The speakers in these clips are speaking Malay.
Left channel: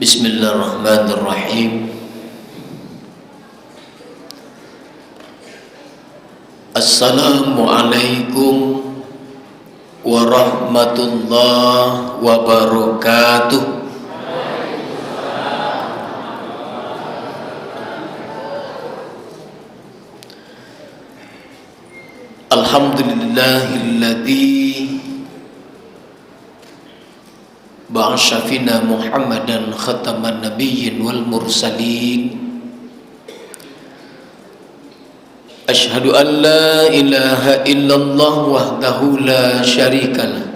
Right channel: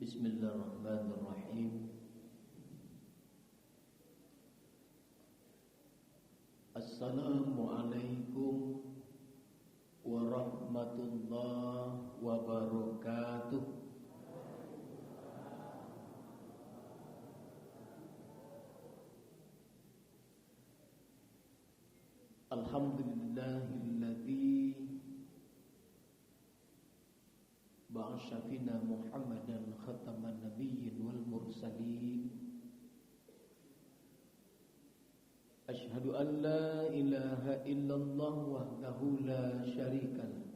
Bismillahirrahmanirrahim. Assalamualaikum warahmatullahi wabarakatuh. Alhamdulillahilladzi ba'asha fina Muhammadan khataman nabiyyin wal mursalin. Ashhadu an la ilaha illallah wahdahu la syarikalah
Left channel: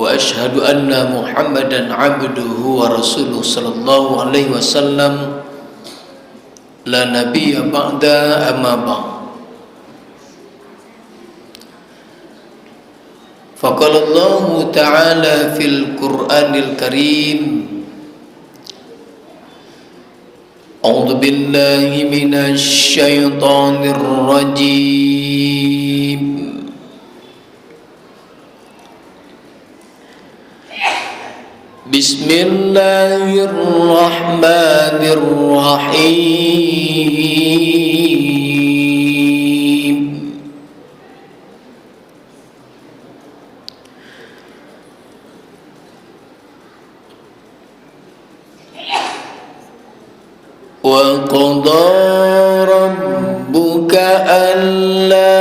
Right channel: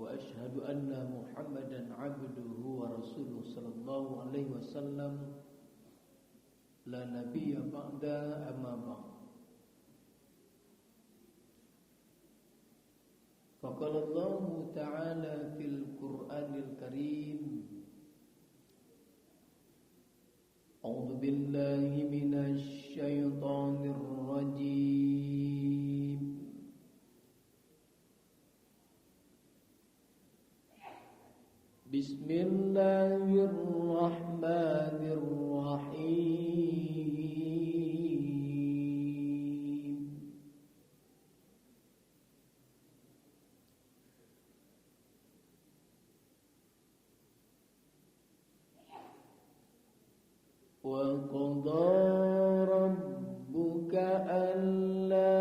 wa ashhadu anna Muhammadan abduhu wa rasuluh sallallahu alaihi wasallam la nabiyya ba'da amma ba'd. Faqala Allah Ta'ala fil Qur'anil Karim, A'udzu billahi minasy syaithanir rajim. Bismillahirrahmanirrahim. Wa qadara rabbuka alla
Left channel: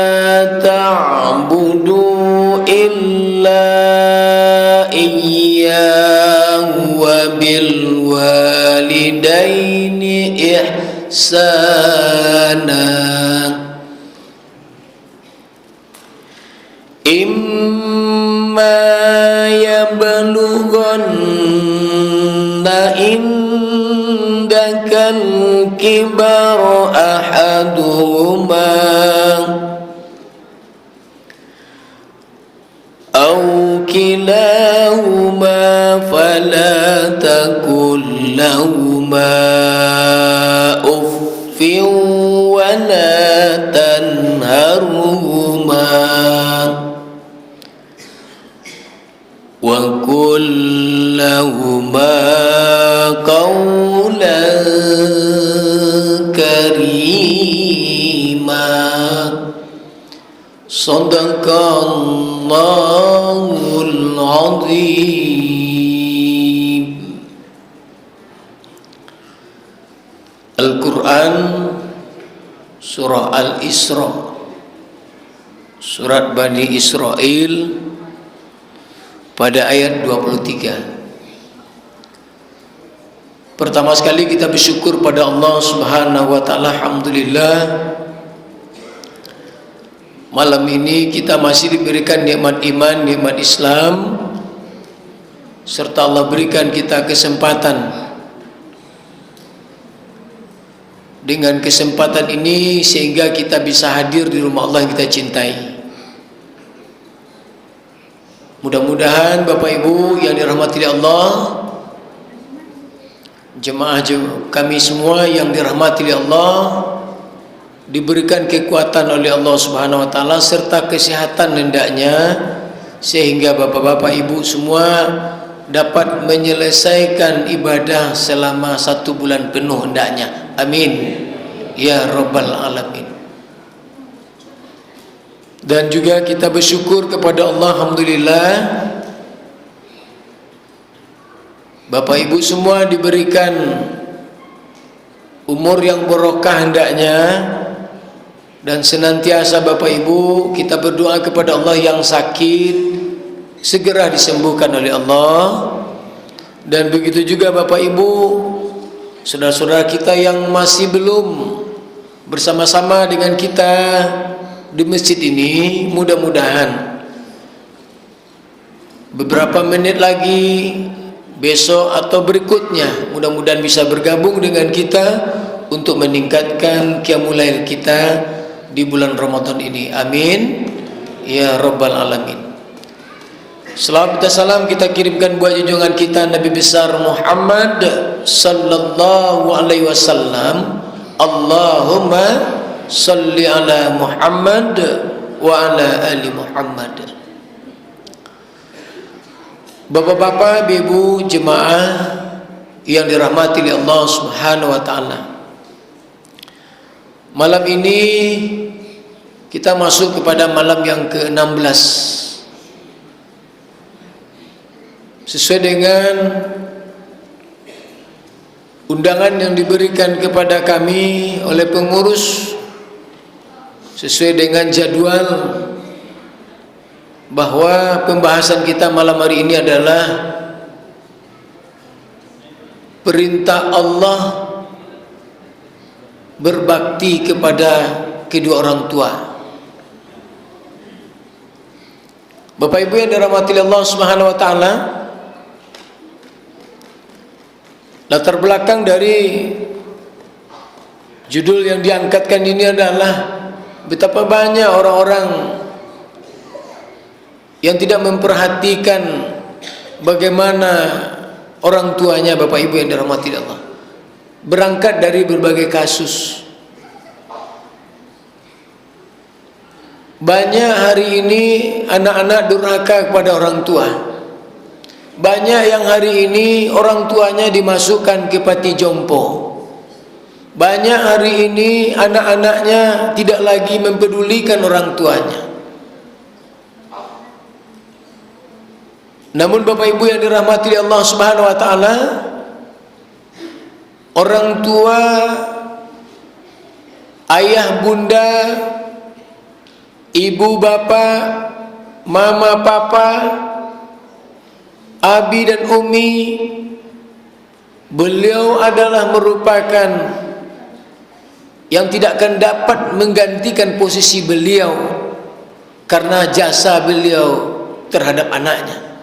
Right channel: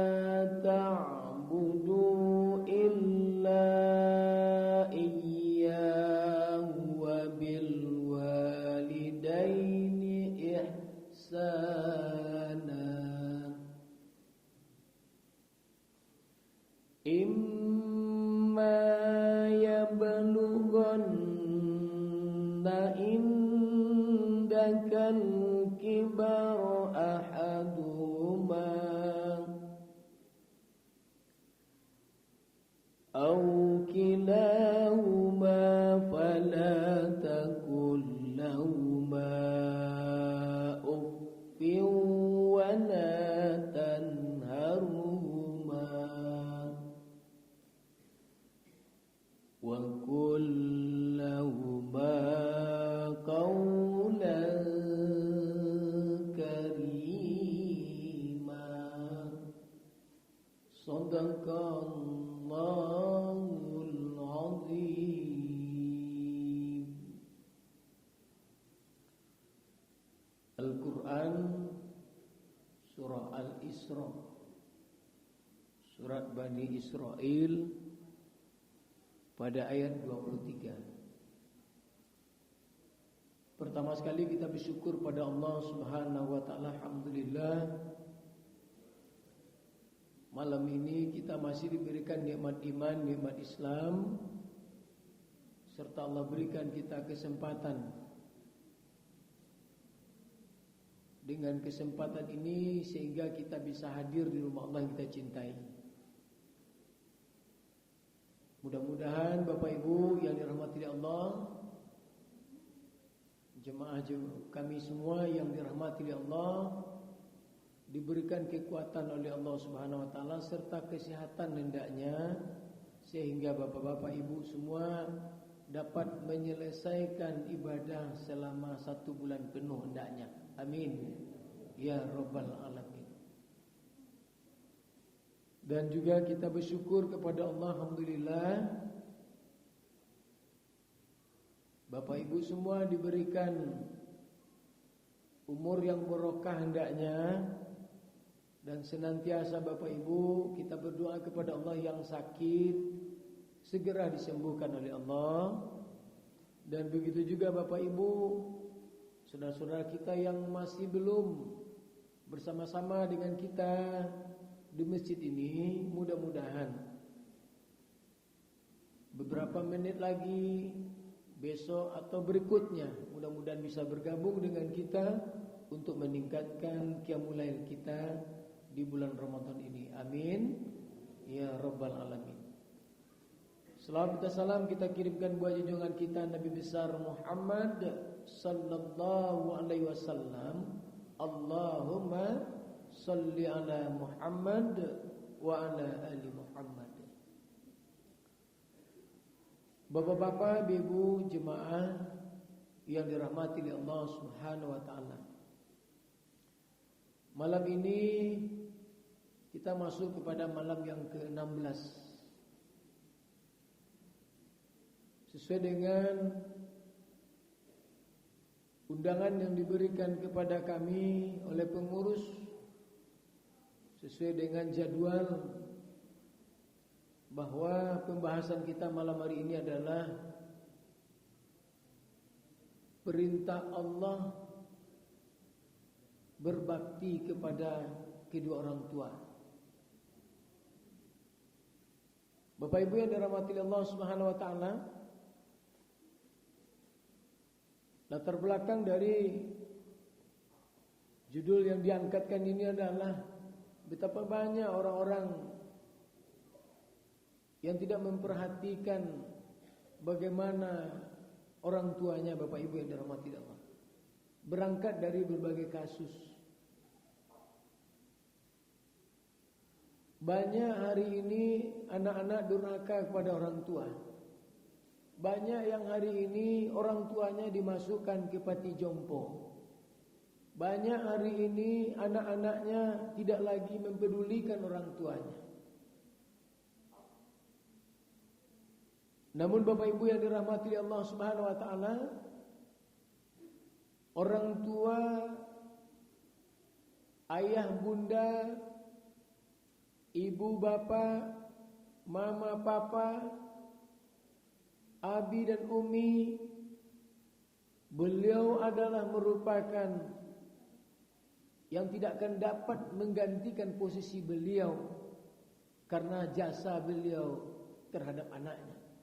ta'budu illa iyyahu wa bil walidaini ihsana. Imma yablughanna indakal kibar ahaduhuma aw kilahuma fala taqul lahuma uffin wa la tanharhuma wa qul lahuma qawlan karima. Shadaqallahul azim. Al-Quran Surah Al-Isra, Surat Bani Israel, pada ayat 23. Pertama sekali kita bersyukur pada Allah Subhanahu wa taala. Alhamdulillah, malam ini kita masih diberikan nikmat iman, nikmat Islam, serta Allah berikan kita kesempatan. Dengan kesempatan ini sehingga kita bisa hadir di rumah Allah yang kita cintai. Mudah-mudahan Bapak Ibu yang dirahmati Allah, jemaah kami semua yang dirahmati Allah, diberikan kekuatan oleh Allah Subhanahu wa taala serta kesehatan hendaknya, sehingga bapak-bapak ibu semua dapat menyelesaikan ibadah selama 1 bulan penuh hendaknya. Amin ya rabbal alamin. Dan juga kita bersyukur kepada Allah, alhamdulillah, Bapak Ibu semua diberikan umur yang barokah hendaknya, dan senantiasa Bapak Ibu kita berdoa kepada Allah yang sakit segera disembuhkan oleh Allah. Dan begitu juga Bapak Ibu, saudara-saudara kita yang masih belum bersama-sama dengan kita di masjid ini, mudah-mudahan beberapa menit lagi, besok atau berikutnya, mudah-mudahan bisa bergabung dengan kita untuk meningkatkan qiyamul lail kita di bulan Ramadan ini. Amin ya rabbal alamin. Salam dan salam kita kirimkan buat junjungan kita Nabi besar Muhammad sallallahu alaihi wasallam. Allahumma salli ala Muhammad wa ala ali Muhammad. Bapak-bapak, ibu jemaah yang dirahmati oleh Allah Subhanahu wa taala. Malam ini kita masuk kepada malam yang ke-16. Sesuai dengan undangan yang diberikan kepada kami oleh pengurus, sesuai dengan jadwal, bahwa pembahasan kita malam hari ini adalah perintah Allah berbakti kepada kedua orang tua. Bapak Ibu yang dirahmati Allah Subhanahu wa taala, latar belakang dari judul yang diangkatkan ini adalah betapa banyak orang-orang yang tidak memperhatikan bagaimana orang tuanya, Bapak Ibu yang dirahmati Allah. Berangkat dari berbagai kasus. Banyak hari ini anak-anak durhaka kepada orang tua. Banyak yang hari ini orang tuanya dimasukkan ke panti jompo. Banyak hari ini anak-anaknya tidak lagi mempedulikan orang tuanya. Namun Bapak Ibu yang dirahmati Allah Subhanahu wa taala, orang tua, ayah bunda, ibu bapak, mama papa, abi dan umi, beliau adalah merupakan yang tidak akan dapat menggantikan posisi beliau karena jasa beliau terhadap anaknya.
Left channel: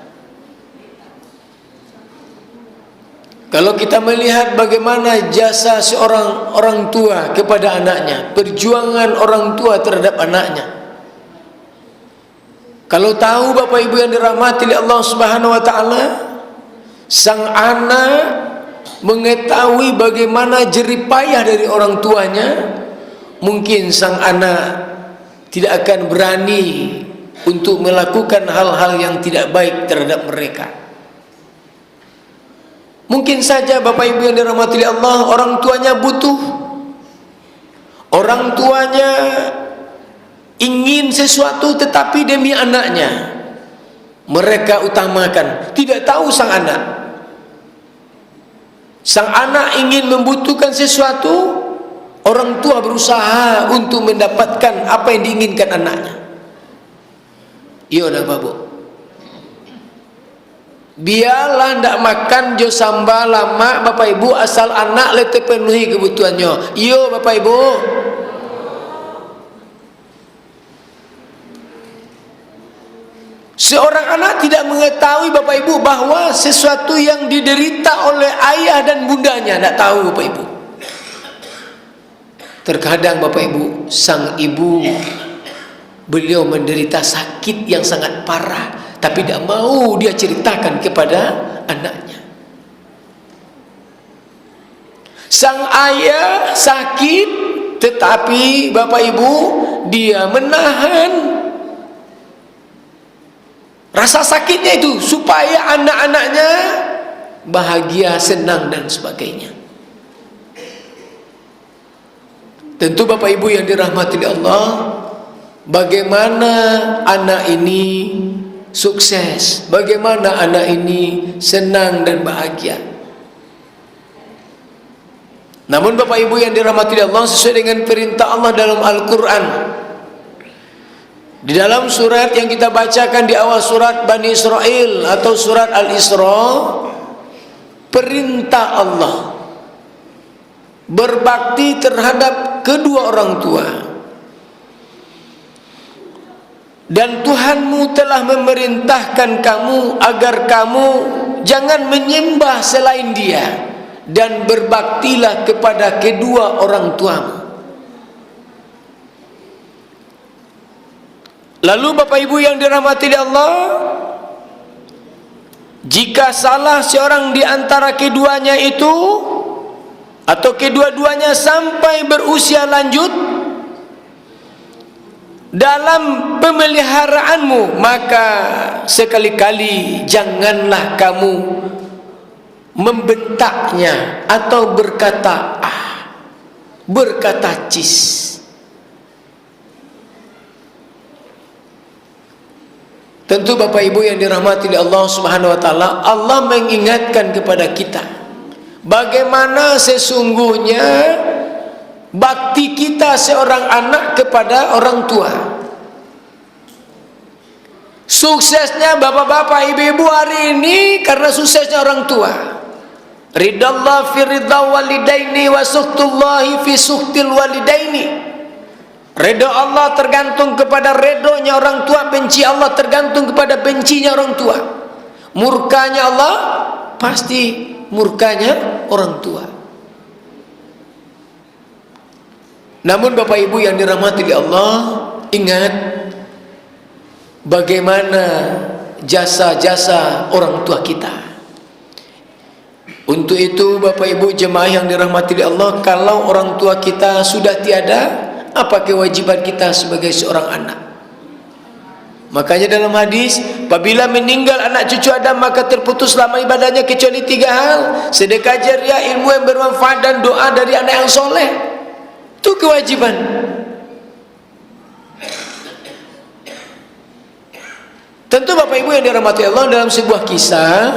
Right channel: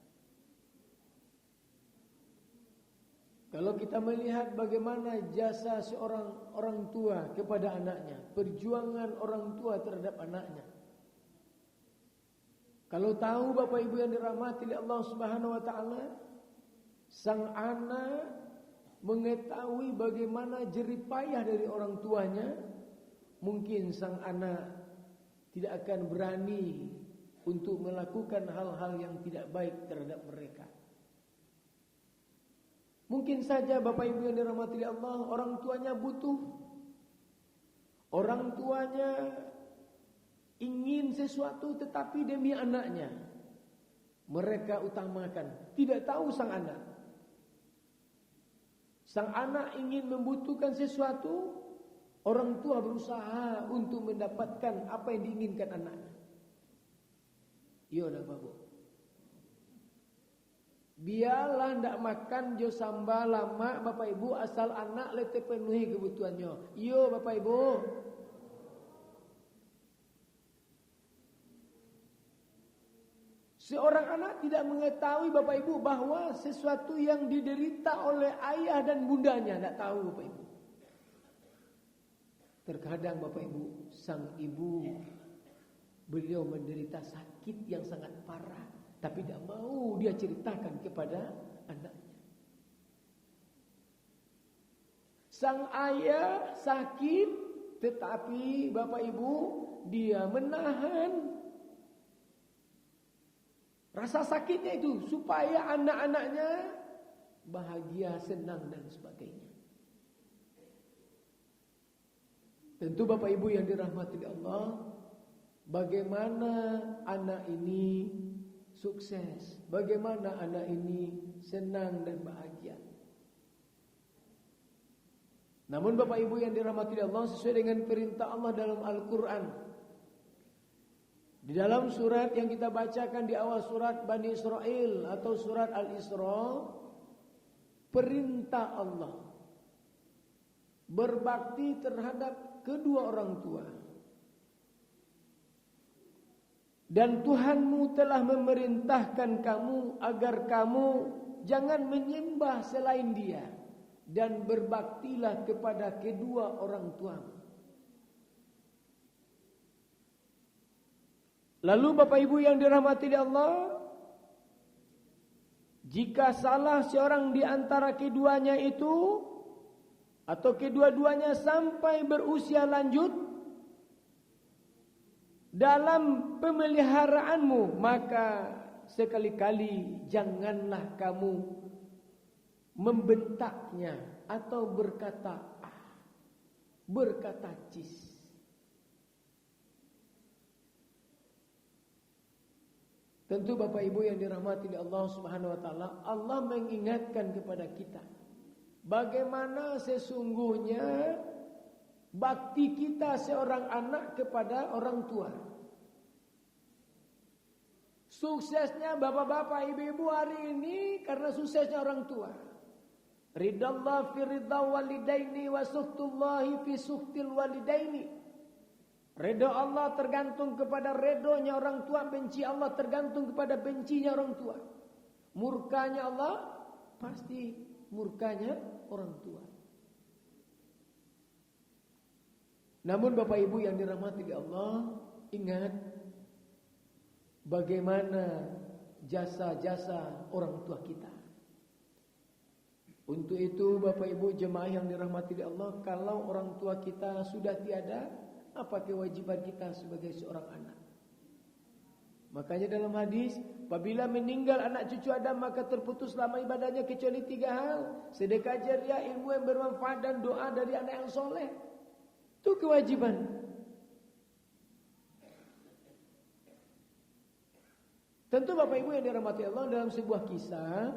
Kalau kita melihat bagaimana jasa seorang orang tua kepada anaknya, perjuangan orang tua terhadap anaknya. Kalau tahu Bapak Ibu yang dirahmati oleh Allah Subhanahu wa taala, sang anak mengetahui bagaimana jerih payah dari orang tuanya, mungkin sang anak tidak akan berani untuk melakukan hal-hal yang tidak baik terhadap mereka. Mungkin saja Bapak Ibu yang dirahmati Allah, orang tuanya butuh, orang tuanya ingin sesuatu tetapi demi anaknya mereka utamakan. Tidak tahu sang anak ingin membutuhkan sesuatu, orang tua berusaha untuk mendapatkan apa yang diinginkan anaknya. Iya dah babu, biarlah ndak makan jo sambal lama Bapak Ibu, asal anak le terpenuhi kebutuhannya. Yo Bapak Ibu. Seorang anak tidak mengetahui Bapak Ibu bahwa sesuatu yang diderita oleh ayah dan bundanya, tidak tahu Bapak Ibu. Terkadang Bapak Ibu, sang ibu beliau menderita sakit yang sangat parah, tapi tidak mau dia ceritakan kepada anaknya. Sang ayah sakit, tetapi Bapak Ibu dia menahan rasa sakitnya itu supaya anak-anaknya bahagia, senang dan sebagainya. Tentu Bapak Ibu yang dirahmati Allah, bagaimana anak ini sukses, bagaimana anak ini senang dan bahagia. Namun Bapak Ibu yang dirahmati Allah, sesuai dengan perintah Allah dalam Al-Quran, di dalam surat yang kita bacakan di awal surat Bani Israel atau surat Al-Isra, perintah Allah berbakti terhadap kedua orang tua. Dan Tuhanmu telah memerintahkan kamu agar kamu jangan menyembah selain Dia, dan berbaktilah kepada kedua orang tuamu. Lalu Bapak Ibu yang dirahmati Allah, Jika salah seorang di antara keduanya itu, atau kedua-duanya sampai berusia lanjut dalam pemeliharaanmu, maka sekali-kali janganlah kamu membentaknya atau berkata berkata cis. Tentu Bapak Ibu yang dirahmati oleh Allah Subhanahu wa taala, Allah mengingatkan kepada kita bagaimana sesungguhnya bakti kita seorang anak kepada orang tua. Suksesnya bapak-bapak, ibu-ibu hari ini karena suksesnya orang tua. Ridallah fi ridha walidaini wa sukhtullahi fi sukhtil walidaini. Redha Allah tergantung kepada redonya orang tua, benci Allah tergantung kepada bencinya orang tua. Murkanya Allah pasti murkanya orang tua. Namun Bapak Ibu yang dirahmati oleh Allah, ingat bagaimana jasa-jasa orang tua kita. Untuk itu Bapak Ibu jemaah yang dirahmati oleh Allah, kalau orang tua kita sudah tiada, apa kewajiban kita sebagai seorang anak? Makanya dalam hadis, apabila meninggal anak cucu Adam, maka terputus selama ibadahnya kecuali 3 hal: sedekah jariah, ilmu yang bermanfaat, dan doa dari anak yang soleh. Itu kewajiban. Tentu Bapak Ibu yang dirahmati Allah, dalam sebuah kisah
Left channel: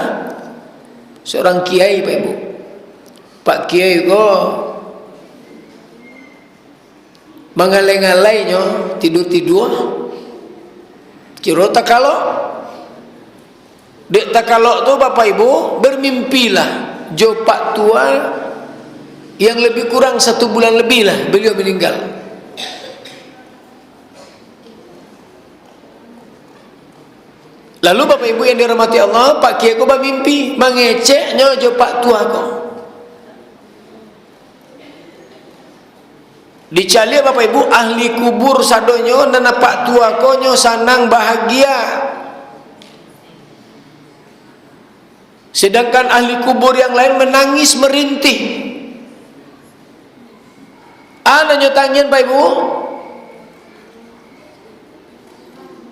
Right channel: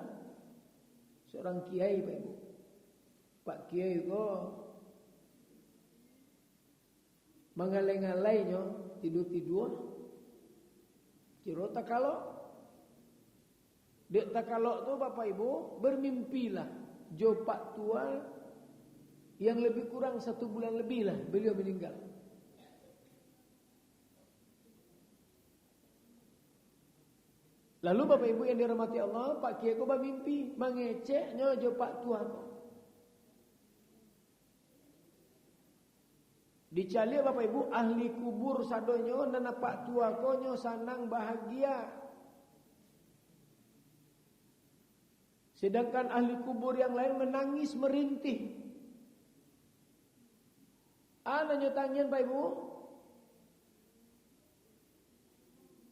seorang kiai, Pak Ibu, Pak Kiai kok mengalai-ngalainya tidur-tidur kira takalok. Dek takalok tu Bapak Ibu bermimpilah jo pak tua yang lebih kurang 1 bulan lebih lah beliau meninggal. Lalu Bapak Ibu yang dirahmati Allah, Pak Kiai ko bermimpi mengeceknya jo pak tua ko. Dicali Bapak Ibu ahli kubur sadonyo dan pak tua konyo sanang bahagia. Sedangkan ahli kubur yang lain menangis merintih. Anaknya tangian Bapak Ibu,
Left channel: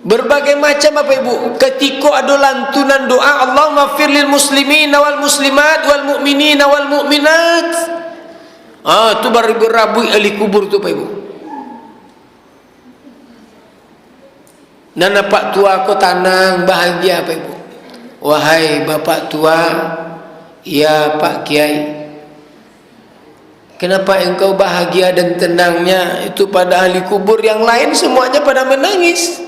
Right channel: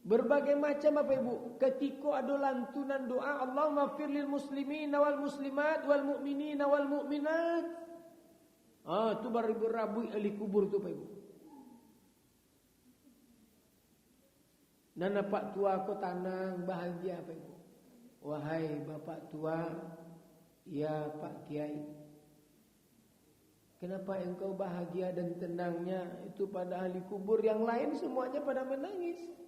berbagai macam Bapak Ibu, ketika ada lantunan doa Allahumma firlil muslimin wal muslimat wal mu'minin wal mu'minat. Itu beribu-rabu ahli kubur tu Bapak Ibu. Nana pak tua ko tanang bahagia Bapak Ibu. Wahai bapak tua, ya Pak Kiai, kenapa engkau bahagia dan tenangnya itu pada ahli kubur yang lain semuanya pada menangis?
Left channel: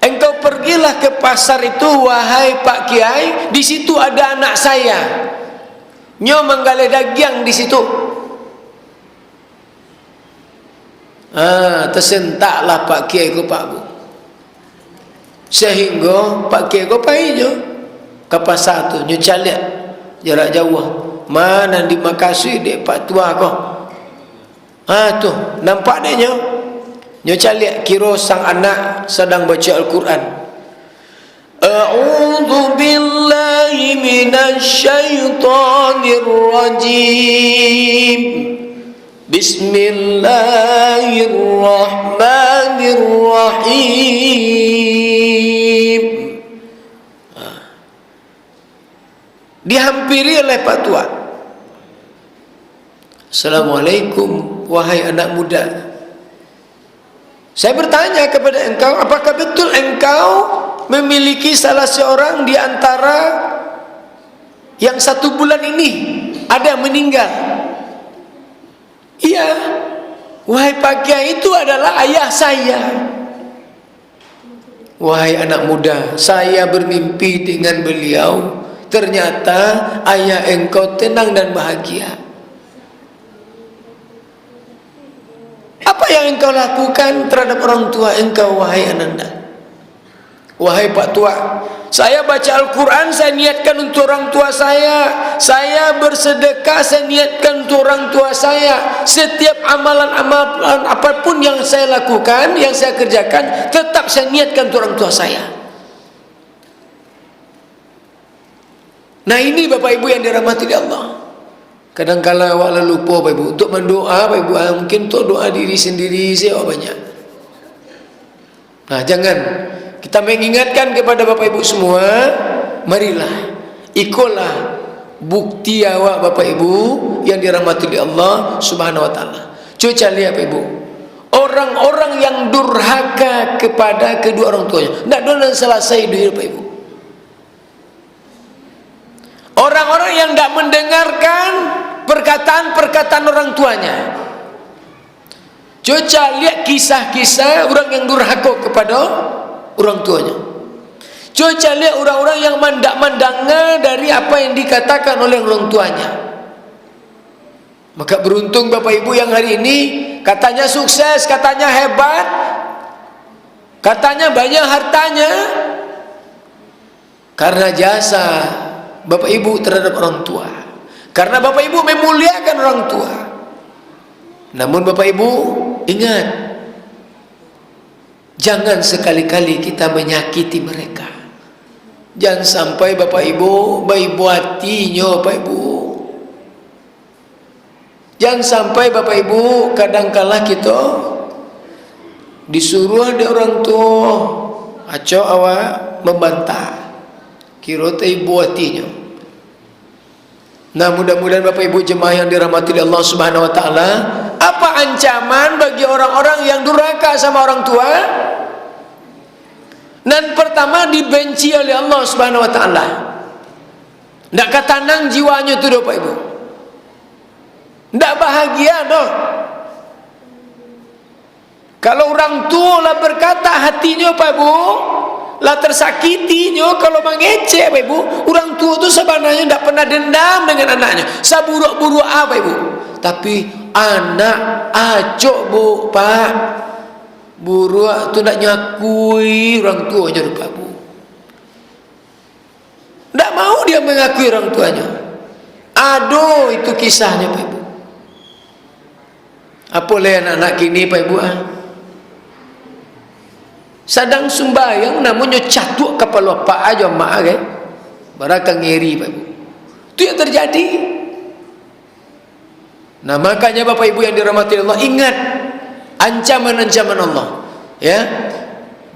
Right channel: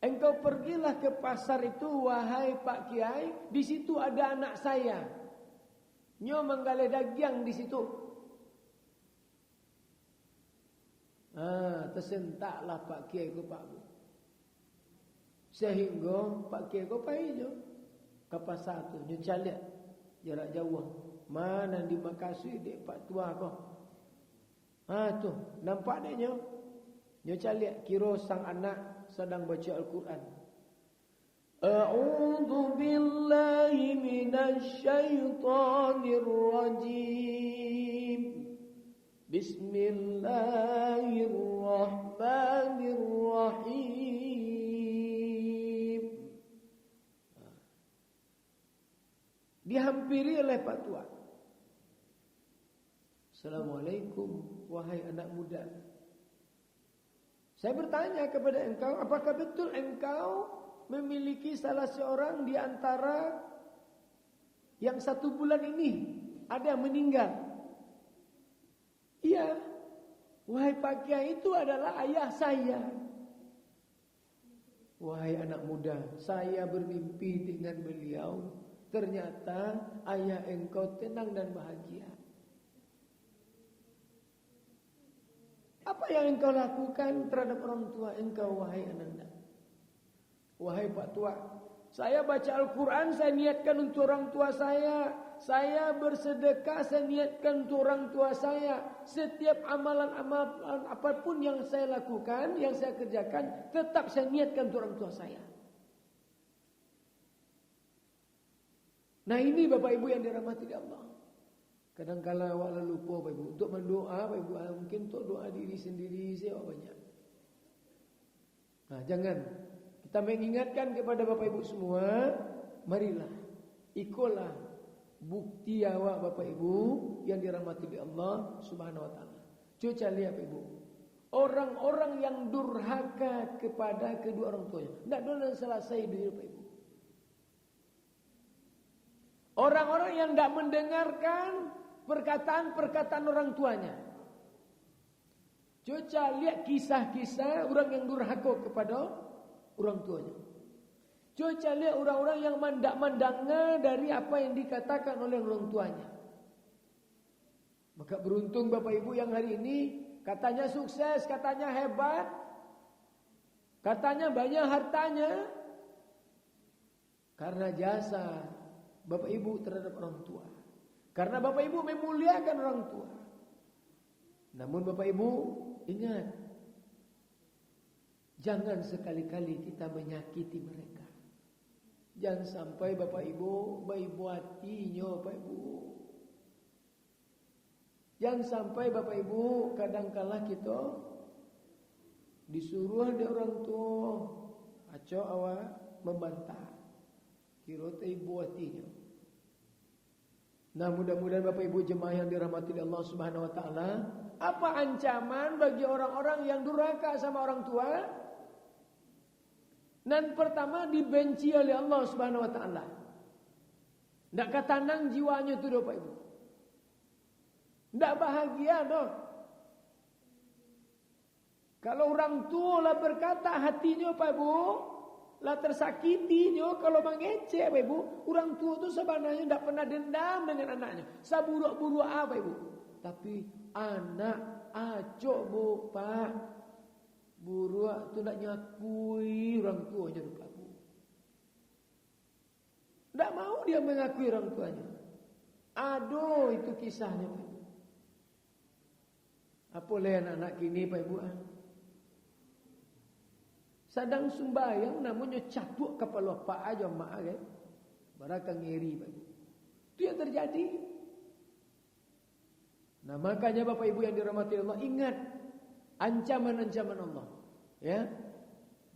Engkau pergilah ke pasar itu, wahai Pak Kiai, di situ ada anak saya. Nyo menggale dagiang di situ. Tersentaklah Pak Kiai ko Pak Bu. Sehingga Pak Kiai ko paijo ke pasar tu, nyo caliak jarak jauh. Mana di Makasih dek Pak tua ko. Tu nampak dek nyo. Nyo caliak kira sang anak sedang baca Al-Quran. A'udzu billahi minasy syaithanir rajim. Bismillahirrahmanirrahim. Dihampiri oleh Pak tua. Assalamualaikum wahai anak muda. Saya bertanya kepada engkau, apakah betul engkau memiliki salah seorang di antara yang 1 bulan ini ada yang meninggal? Iya. Wahai Pak Kiai, itu adalah ayah saya. Wahai anak muda, saya bermimpi dengan beliau. Ternyata ayah engkau tenang dan bahagia. Apa yang engkau lakukan terhadap orang tua engkau, wahai ananda? Wahai Pak tua, saya baca Al-Quran, saya niatkan untuk orang tua saya. Saya bersedekah, saya niatkan untuk orang tua saya. Setiap amalan-amalan apapun yang saya lakukan, yang saya kerjakan, tetap saya niatkan untuk orang tua saya. Nah ini Bapak Ibu yang dirahmati Allah. Kadang-kala awak lupa Bapak Ibu untuk mendoa Bapak Ibu, mungkin untuk doa diri sendiri saya banyak. Nah jangan, kita mengingatkan kepada Bapak Ibu semua, marilah ikutlah bukti awak Bapak Ibu yang dirahmati Allah Subhanahu wa taala. Coba lihat Bapak Ibu, orang-orang yang durhaka kepada kedua orang tuanya, tidak boleh selesai hidup Bapak Ibu. Orang-orang yang tidak mendengarkan perkataan-perkataan orang tuanya. Coba lihat kisah-kisah orang yang durhaka kepada orang tuanya. Coba lihat orang-orang yang mendengar dari apa yang dikatakan oleh orang tuanya. Maka beruntung Bapak Ibu yang hari ini katanya sukses, katanya hebat, katanya banyak hartanya, karena jasa Bapak Ibu terhadap orang tua. Karena Bapak Ibu memuliakan orang tua. Namun Bapak Ibu ingat, jangan sekali-kali kita menyakiti mereka. Jangan sampai Bapak Ibu baik buatinya Bapak Ibu. Jangan sampai Bapak Ibu kadangkala kita disuruh ada orang tua acau awak membantah, kira teh buatinya. Nah mudah-mudahan Bapak Ibu jemaah yang dirahmati Allah Subhanahu wa taala, apa ancaman bagi orang-orang yang durhaka sama orang tua? Dan pertama dibenci oleh Allah Subhanahu wa taala. Ndak katanang jiwanya tu Bapak Ibu. Ndak bahagia doh. Kalau orang tua lah berkata hatinya Bapak Ibu lah tersakitinya kalau mengecek Bapak Ibu. Orang tua tu sebenarnya ndak pernah dendam dengan anaknya. Saburuk-buruk apa Ibu? Tapi anak acok Bu, Pak. Buruk tu nak nyakui orang tuanya Bapak Ibu. Tak mau dia mengakui orang tuanya. Aduh itu kisahnya Pak Ibu. Apa lah anak-anak kini Pak Ibu? Sadang sumbayang namanya catuk kepala Pak aja mak kan. Baraka ngeri Pak Ibu. Itu yang terjadi. Nah makanya Bapak Ibu yang dirahmati Allah, ingat ancaman-ancaman Allah, ya,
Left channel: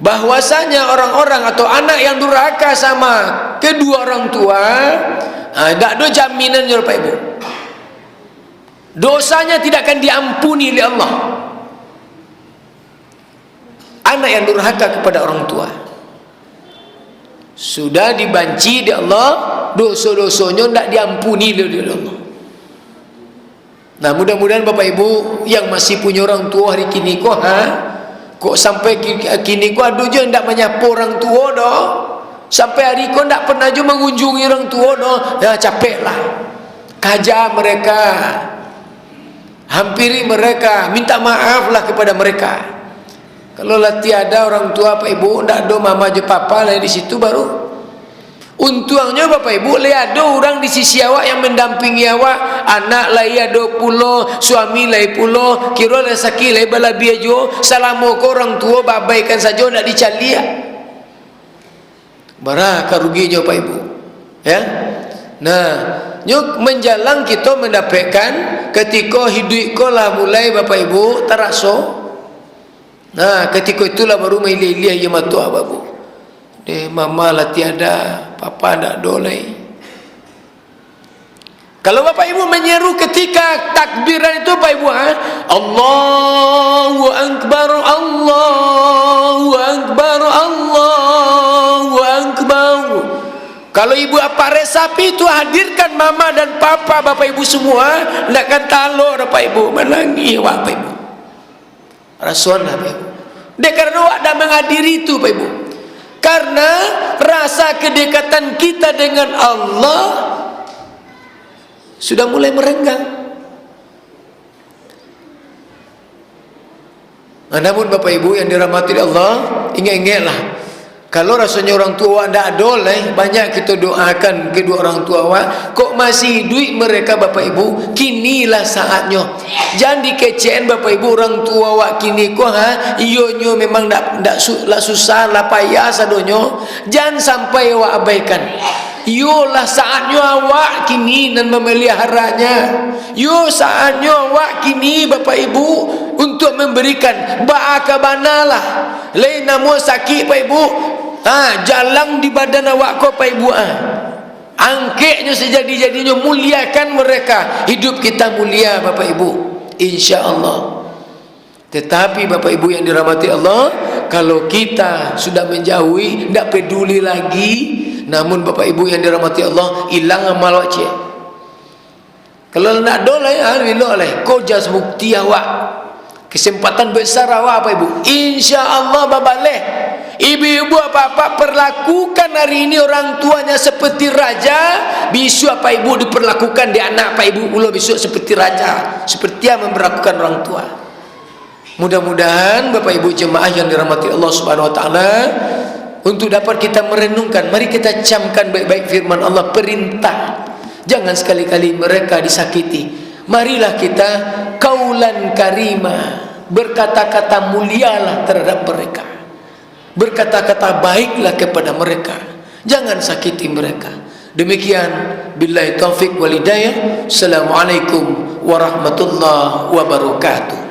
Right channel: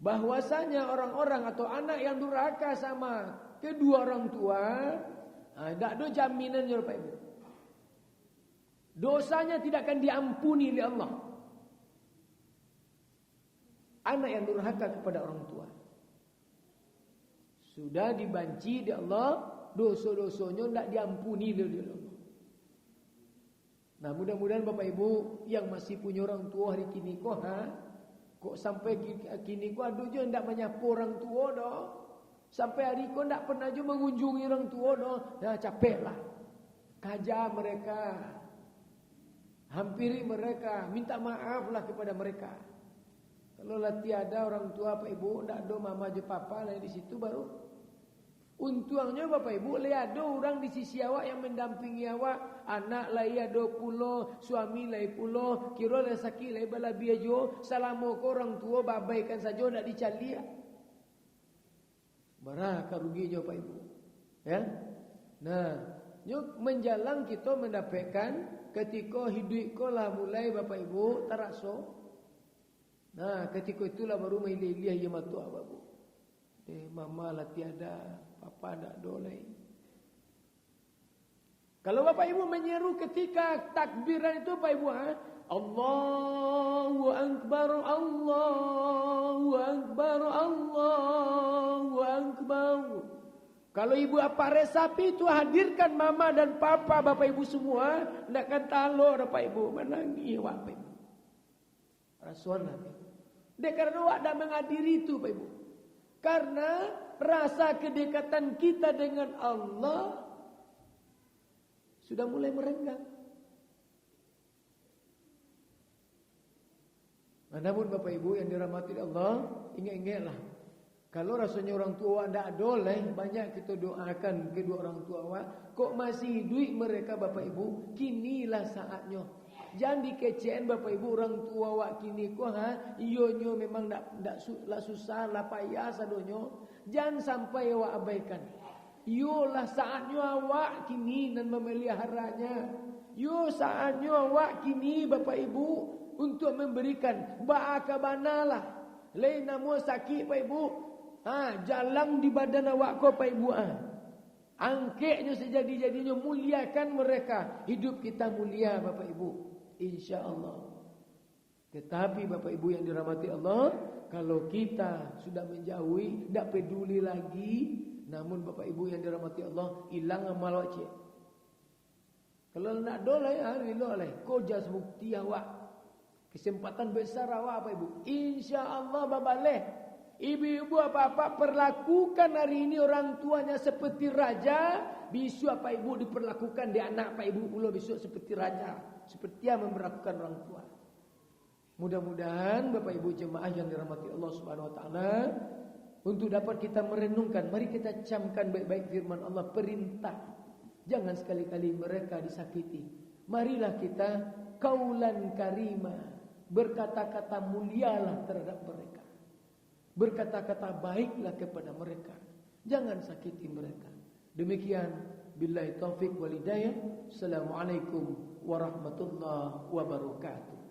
bahwasanya orang-orang atau anak yang durhaka sama kedua orang tua, tak ada jaminan ya Bapak Ibu, dosanya tidak akan diampuni oleh Allah. Anak yang durhaka kepada orang tua sudah dibanci di Allah, dosa-dosanya tidak diampuni oleh Allah. Nah mudah-mudahan Bapak Ibu yang masih punya orang tua hari kini kok sampai kini aduh je tidak menyapa orang tua dah. Sampai hari kau tidak pernah je mengunjungi orang tua dah. Ya capeklah. Kaja mereka. Hampiri mereka, minta maaflah kepada mereka. Kalau lah tiada orang tua Bapak Ibu, tidak ada mama je papa lah di situ baru. Untungnya Bapak Ibu lihat ada orang di sisi awak yang mendampingi awak, anak lai ada pulo, suami lai pulo, kira lai sakit lai bala biajo, salamu ke orang tua babaikan saja nak dicalia. Berapa ruginya Bapak Ibu? Ya. Nah, nyuk menjalang kita mendapatkan ketika hidup ko lah mulai Bapak Ibu terasa. Nah, ketika itulah baru mailih-ilih ya matu Bapak Ibu. Mama lah tiada, papa tak dolai. Kalau Bapak Ibu menyeru ketika takbiran itu Bapak Ibu, Allahu Akbar, Allahu Akbar, Allahu Akbar. Kalau ibu apa resapi itu hadirkan mama dan papa Bapak Ibu semua, tidak akan taluk Bapak Ibu, menangi Bapak Ibu. Rasuan Bapak Ibu. Dia karena awak dah menghadiri itu Bapak Ibu. Karena rasa kedekatan kita dengan Allah sudah mulai merenggang. Namun Bapak Ibu yang dirahmati Allah, ingat-ingatlah, kalau rasanya orang tua tidak doleh, banyak kita doakan kedua orang tua awak, kok masih hidup mereka Bapak Ibu, kinilah saatnya. Jangan dikecewakan Bapak Ibu orang tua awak kini kok iyonyo memang ndak susah lah payah sadonyo. Jangan sampai awak abaikan. Yolah saatnya awak kini dan memeliharanya. Yo saatnya awak kini Bapak Ibu untuk memberikan ba'akabanalah. Lain nama sakit Pak Ibu. Jalan di badan awak kau Pak Ibu. Angkeknya sejadi-jadinya, muliakan mereka. Hidup kita mulia Bapak Ibu, insya-Allah. Tetapi Bapak Ibu yang dirahmati Allah, kalau kita sudah menjauhi, tidak peduli lagi. Namun Bapak Ibu yang dirahmati Allah, hilang amal wajib. Kalau nak dolai hari dolai, kau jas bukti awak. Kesempatan besar awak Bapak Ibu. Insya-Allah babaleh. Ibu-ibu apa-apa perlakukan hari ini orang tuanya seperti raja. Besok Bapak Ibu diperlakukan di anak Bapak Ibu pula besok seperti raja. Seperti yang memperlakukan orang tua. Mudah-mudahan Bapak Ibu jemaah yang dirahmati Allah Subhanahu wa taala, untuk dapat kita merenungkan, mari kita camkan baik-baik firman Allah, perintah. Jangan sekali-kali mereka disakiti. Marilah kita kaulan karima, berkata-kata mulialah terhadap mereka. Berkata-kata baiklah kepada mereka. Jangan sakiti mereka. Demikian, billahi taufik wal hidayah. Assalamualaikum warahmatullahi wabarakatuh.